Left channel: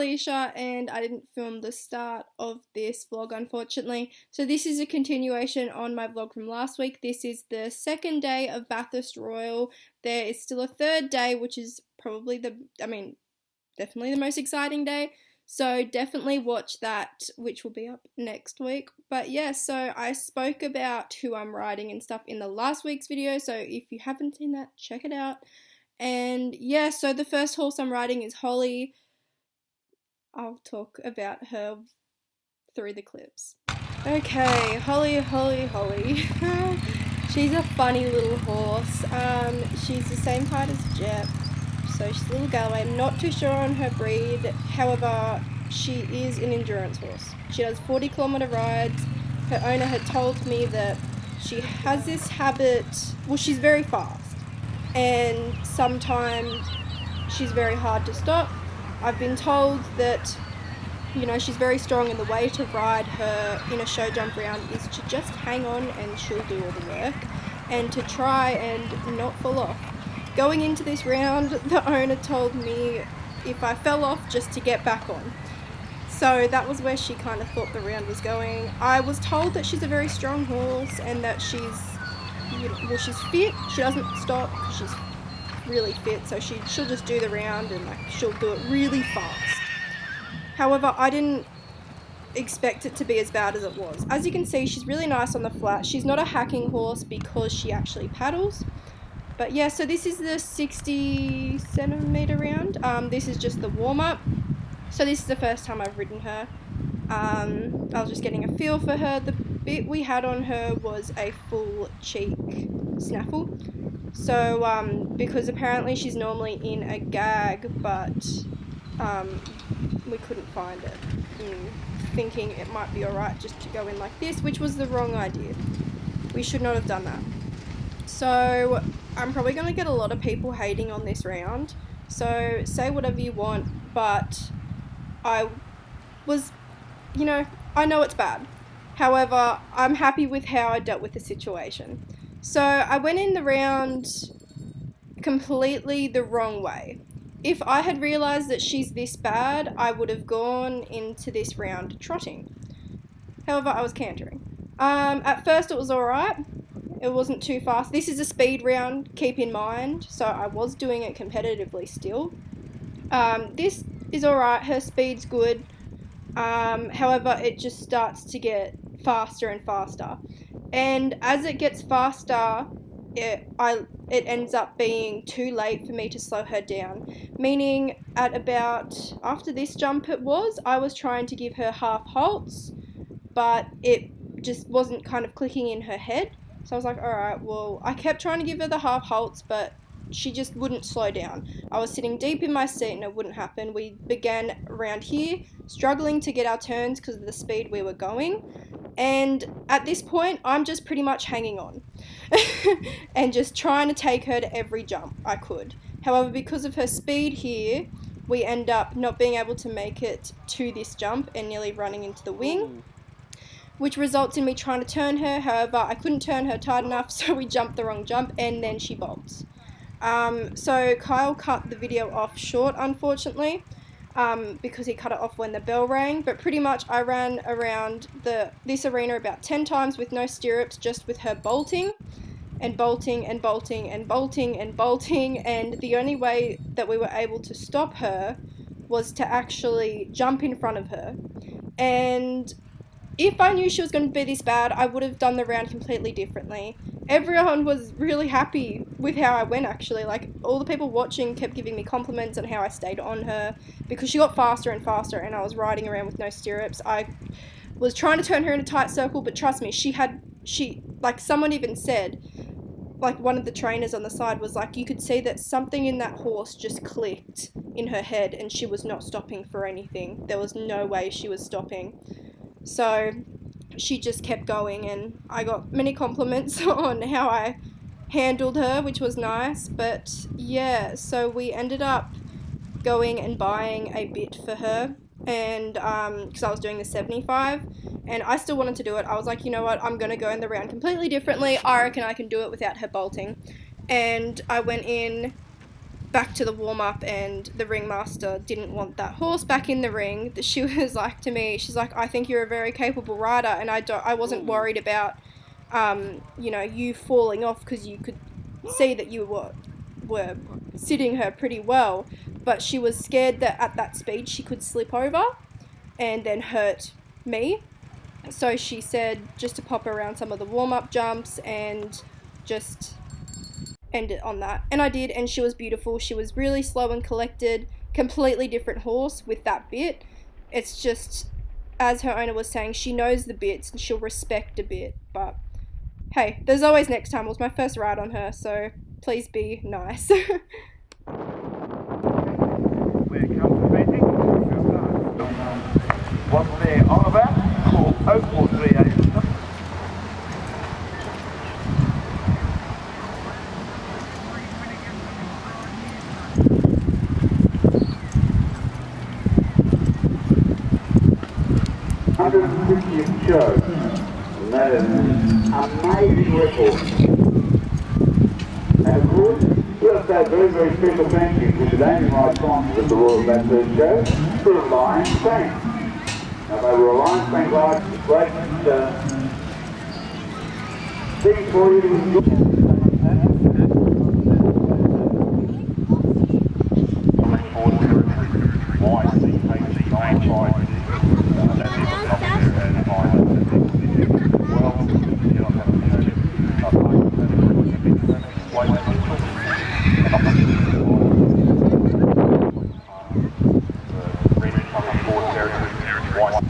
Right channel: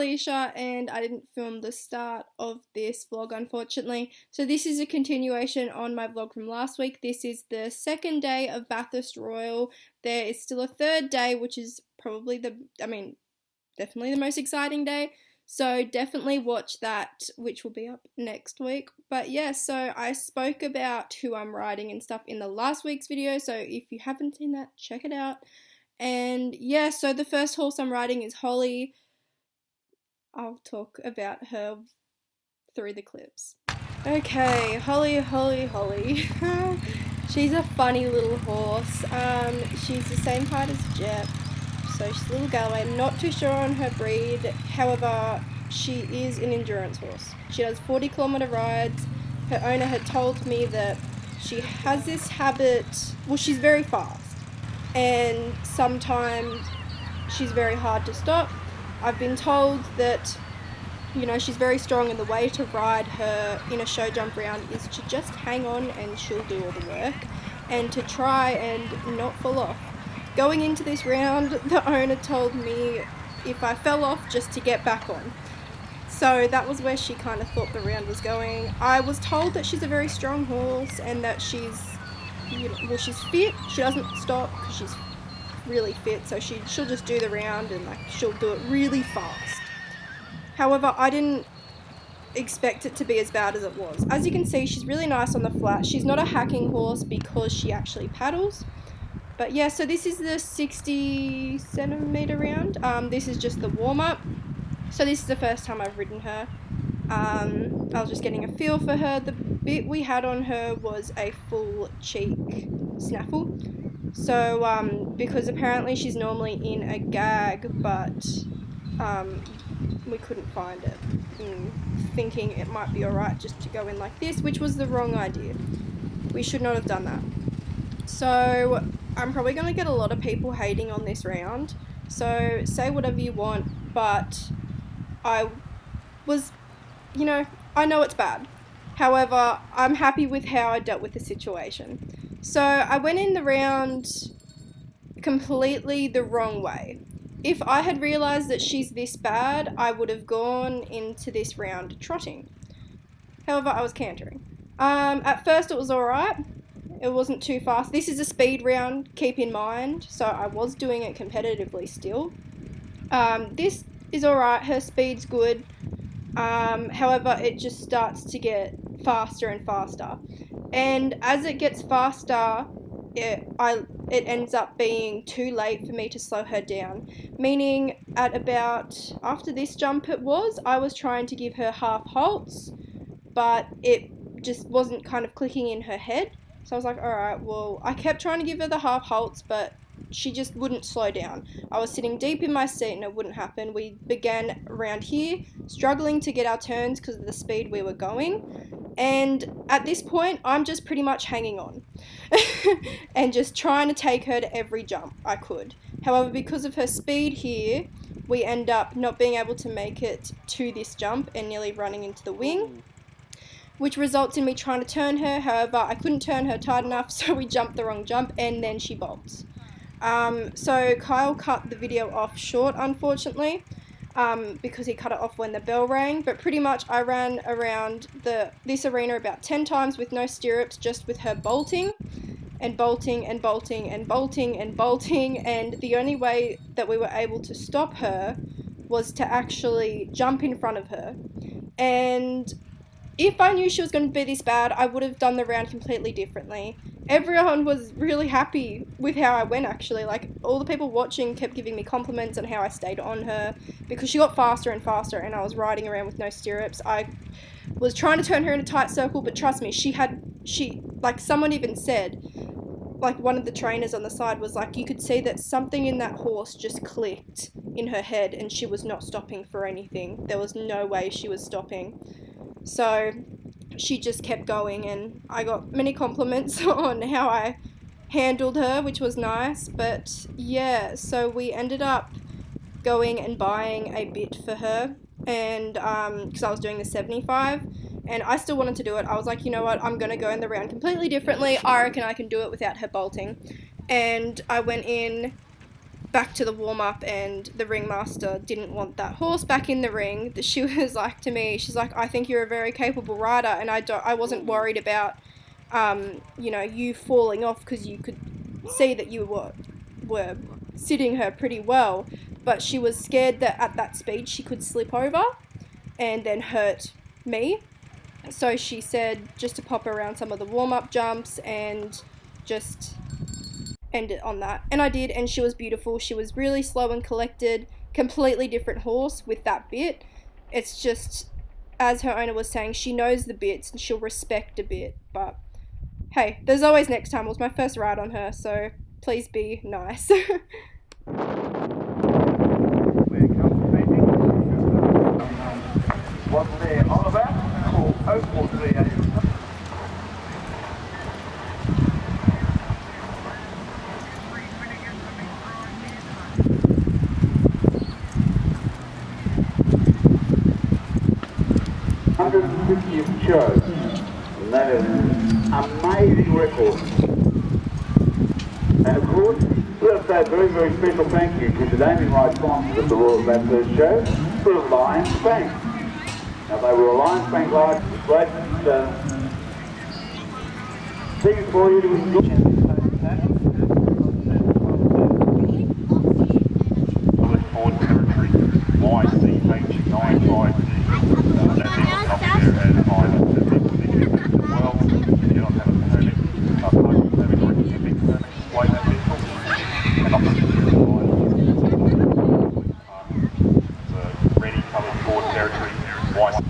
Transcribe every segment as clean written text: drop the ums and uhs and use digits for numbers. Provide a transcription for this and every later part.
Alicia, and I didn't film the start of this vlog unfortunately. So this is a continuation on my vlog from last week. This is the second day of Bathurst Royal. There is still a third day, which is probably definitely the most exciting day. So definitely watch that, which will be up next week. But yeah, so I spoke about who I'm riding and stuff in the last week's video. So if you haven't seen that, check it out. And yeah, so the first horse I'm riding is Holly. I'll talk about her through the clips. Okay, Holly. She's a funny little horse. She's the same height as Jep. So she's a little Galloway. I'm not too sure on her breed. However, she is an endurance horse. She does 40-kilometer rides. Her owner had told me that she has this habit, well, she's very fast. And sometimes she's very hard to stop. I've been told that, you know, she's very strong, and the way to ride her in a show jump round is to just hang on and she'll do all the work, and to try and not fall off. Going into this round, the owner told me if I fell off just to get back on. So that was where she kind of thought the round was going. I was told that she's a very strong horse and that she's, you know, well, she's fit. She doesn't stop because she's really fit, so she'll just do the round and she'll do it really fast. However, I didn't expect it to be as bad as it was. As you can see, she's really nice on the flat. She's not a hacking horse because she actually paddles. But yeah, so this is the 60 centimeter round. This is just the warm-up. So this is the first time I've ridden her. I was just getting a feel for her. The bit we had on her was a full cheek snaffle. So because apparently she's normally in a gag, but we couldn't find it. Thinking it might be alright just to go in like this, which was the wrong idea. We should not have done that. So I'm probably going to get a lot of people hating on this round, so say whatever you want, but I was, you know, I know it's bad. However, I'm happy with how I dealt with the situation. So I went in the round completely the wrong way. If I had realised that she's this bad, I would have gone into this round trotting. However, I was cantering. At first it was alright. It wasn't too fast. This is a speed round, keep in mind, so I was doing it competitively still. This is alright, her speed's good. However, it just starts to get faster and faster. And as it gets faster, it ends up being too late for me to slow her down. Meaning, at about, after this jump I was trying to give her half halts, but it just wasn't kind of clicking in her head. So I was like, alright, well, I kept trying to give her the half halts, but she just wouldn't slow down. I was sitting deep in my seat and it wouldn't happen. We began around here, struggling to get our turns because of the speed we were going. And at this point, I'm just pretty much hanging on and just trying to take her to every jump I could. However, because of her speed here, we end up not being able to make it to this jump and nearly running into the wing, which results in me trying to turn her. However, I couldn't turn her tight enough, so we jumped the wrong jump and then she bolts. So Kyle cut the video off short, unfortunately, because he cut it off when the bell rang, but pretty much I ran around this arena about 10 times with no stirrups, just with her bolting and bolting and bolting and bolting and bolting, and the only way that we were able to stop her was to actually jump in front of her. And if I knew she was going to be this bad, I would have done the round completely differently. Everyone was really happy with how I went, actually. Like, all the people watching kept giving me compliments on how I stayed on her, because she got faster and faster and I was riding around with no stirrups. I was trying to turn her in a tight circle, but trust me, like, someone even said, like, one of the trainers on the side was like, you could see that something in that horse just clicked in her head and she was not stopping for anything. There was no way she was stopping. So she just kept going, and I got many compliments on how I handled her, which was nice. But yeah, so we ended up going and buying a bit for her, and because I was doing the 75 and I still wanted to do it. I was like, you know what, I'm gonna go in the round completely differently. I reckon I can do it without her bolting. And I went in back to the warm-up, and the ringmaster didn't want that horse back in the ring. She was like to me, she's like, I think you're a very capable rider, and I wasn't worried about you know, you falling off, because you could see that you were sitting her pretty well, but she was scared that at that speed she could slip over and then hurt me. So she said just to pop around some of the warm-up jumps and just end it on that. And I did, and she was beautiful. She was really slow and collected, completely different horse with that bit. It's just, as her owner was saying, she knows the bits and she'll respect a bit. But hey, there's always next time. It was my first ride on her, so please be nice. What's there on about? Call 0438. th show. And that is an amazing record. And of course, we've got to say a very, very special thank you to the naming rights sponsors of the Royal Bathurst Show, for the Lions Bank. Now they were a Lions Bank live, great things for you to enjoy. Forward territory, YCH950. That's even up there as Island as well. You don't have a permit, parking permit or a tipping permit, weight potential, and up the ready coming forward territory, YCH.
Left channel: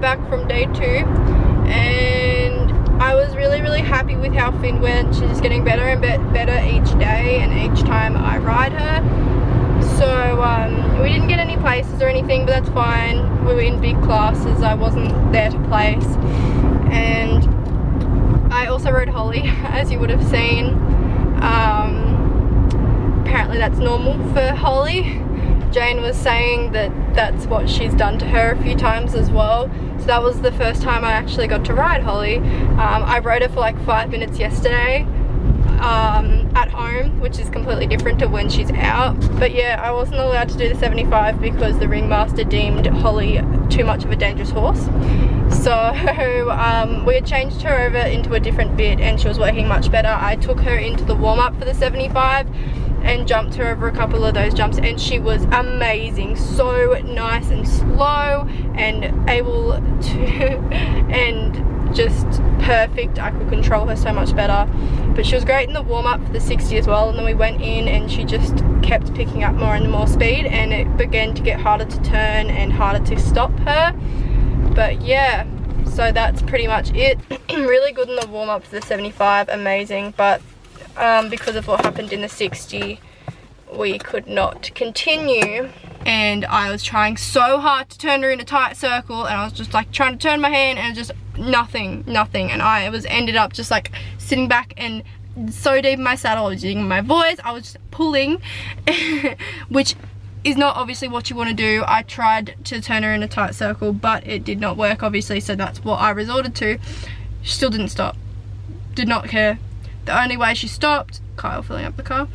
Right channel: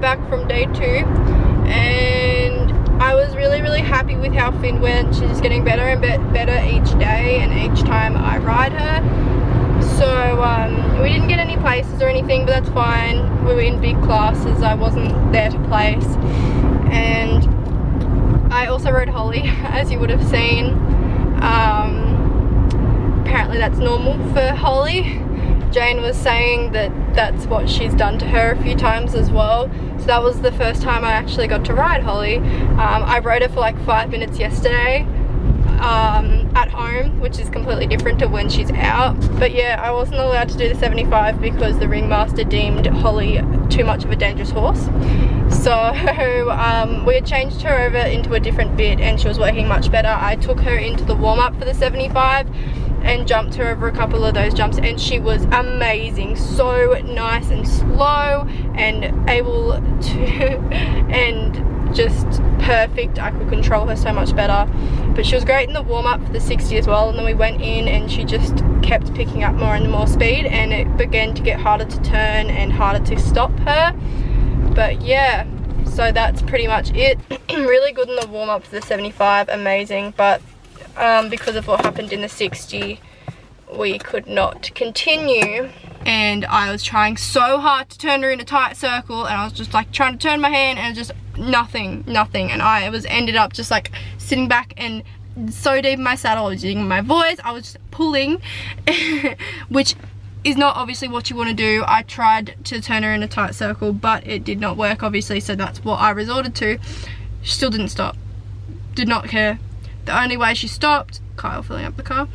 Back from day 2, and I was really happy with how Finn went. She's just getting better and better each day and each time I ride her. So we didn't get any places or anything, but that's fine. We were in big classes, I wasn't there to place. And I also rode Holly, as you would have seen. Apparently that's normal for Holly. Jane was saying that that's what she's done to her a few times as well. So that was the first time I actually got to ride Holly. I rode her for like 5 minutes yesterday at home, which is completely different to when she's out. But yeah, I wasn't allowed to do the 75 because the ringmaster deemed Holly too much of a dangerous horse. So we had changed her over into a different bit and she was working much better. I took her into the warm-up for the 75 and jumped her over a couple of those jumps, and she was amazing. So nice and slow and able to and just perfect. I could control her so much better. But she was great in the warm-up for the 60 as well, and then we went in and she just kept picking up more and more speed, and it began to get harder to turn and harder to stop her. But yeah, so that's pretty much it. Really good in the warm-up for the 75, amazing, but because of what happened in the 60, we could not continue. And I was trying so hard to turn her in a tight circle, and I was just like trying to turn my hand, and just nothing, and I ended up just like sitting back and so deep in my saddle. I was using my voice, I was just pulling, which is not obviously what you want to do. I tried to turn her in a tight circle, but it did not work obviously, so that's what I resorted to. She still didn't stop, did not care. The only way she stopped, Kyle filling up the car,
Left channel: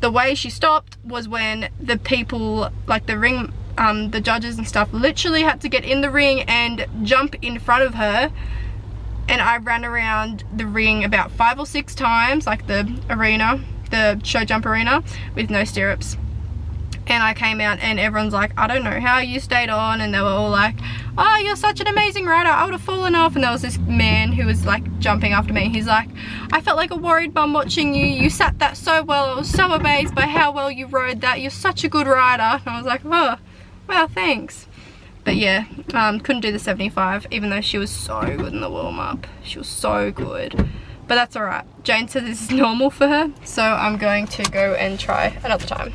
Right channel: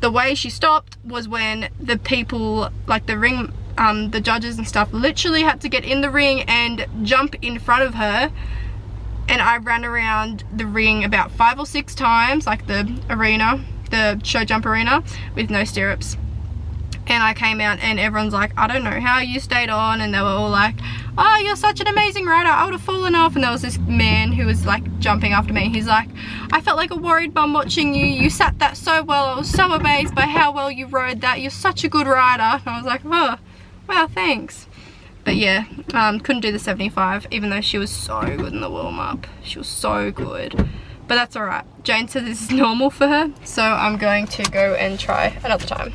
the way she stopped was when the people, like the ring, the judges and stuff, literally had to get in the ring and jump in front of her, and I ran around the ring about 5 or 6 times, like the arena, the show jump arena, with no stirrups. And I came out and everyone's like, I don't know how you stayed on, and they were all like, oh, you're such an amazing rider, I would have fallen off. And there was this man who was like jumping after me, he's like, I felt like a worried bum watching you, you sat that so well, I was so amazed by how well you rode that, you're such a good rider. And I was like, oh, wow, thanks. But yeah, couldn't do the 75, even though she was so good in the warm-up, she was so good. But that's alright, Jane said this is normal for her, so I'm going to go and try another time.